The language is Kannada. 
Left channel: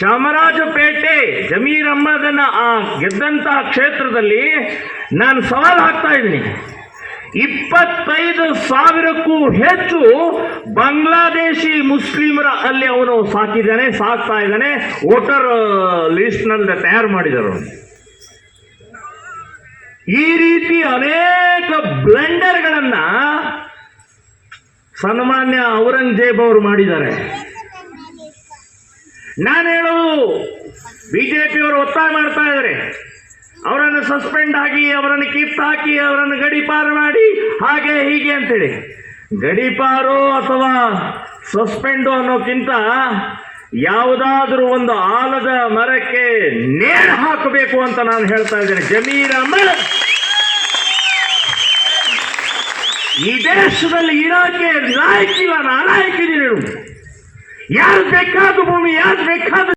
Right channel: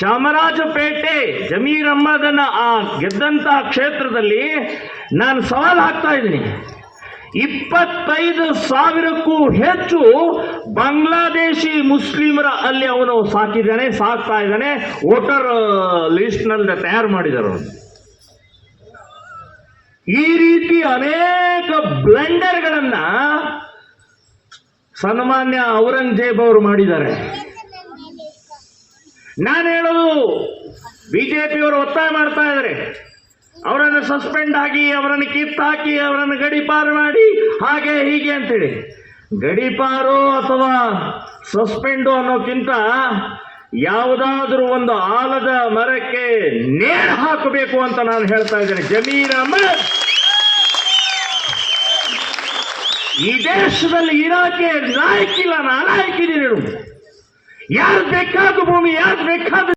ಚಾಮರಾಜಪೇಟೆ ಜಮೀರ್ ಅಹ್ಮದನ ಗೆದ್ದಂತ ಕ್ಷೇತ್ರದಲ್ಲಿ ನಾನು ಸವಾಲು ಹಾಕ್ತಾ ಇದ್ದೀನಿ. 25,000ಕ್ಕೂ ಹೆಚ್ಚು ಬಾಂಗ್ಲಾದೇಶಿ ಮುಸ್ಲಿಮರ ಅಲ್ಲಿ ಅವನು ಸಾಕ್ತಾ ಇದ್ದಾನೆ. ವೋಟರ್ ಲಿಸ್ಟ್ ನಲ್ಲಿ ತಯಾರು ಮಾಡಿದರು. ಈ ರೀತಿ ಅನೇಕ ಬ್ಲಂಡರ್ಗಳನ್ನ ಸನ್ಮಾನ್ಯ ಔರಂಗಜೇಬ್ ಅವರು ಮಾಡಿದ್ದಾರೆ. ನಾನು ಹೇಳೋದು, ಬಿಜೆಪಿಯವರು ಒತ್ತಾಯ ಮಾಡ್ತಾ ಇದ್ದಾರೆ, ಅವರನ್ನು ಸಸ್ಪೆಂಡ್ ಆಗಿ, ಅವರನ್ನು ಕಿತ್ತಾಕಿ, ಅವರನ್ನು ಗಡೀಪಾರು ಮಾಡಿ, ಹಾಗೆ ಹೀಗೆ ಅಂತೇಳಿ. ಗಡೀಪಾರು ಅಥವಾ ಸಸ್ಪೆಂಡು ಅನ್ನೋಕ್ಕಿಂತ ಯಾವುದಾದ್ರೂ ಒಂದು ಆಲದ ಮರಕ್ಕೆ ನೇಣು ಹಾಕಬೇಕು ಅಂತ ನಾನು ಹೇಳ್ತಾ ಇದ್ದೇನೆ. ಜಮೀರ್ ಅಹ್ಮದ್ ಈ ದೇಶದಲ್ಲಿ ಇರಾಕೆ ನಾಯಕಿಲ್ಲ, ನಾಲಾಯಕಿದ್ದೀರಿ. ಯಾರು ಬೇಕಾದ ಭೂಮಿ, ಯಾರು ಬೇಕಾದ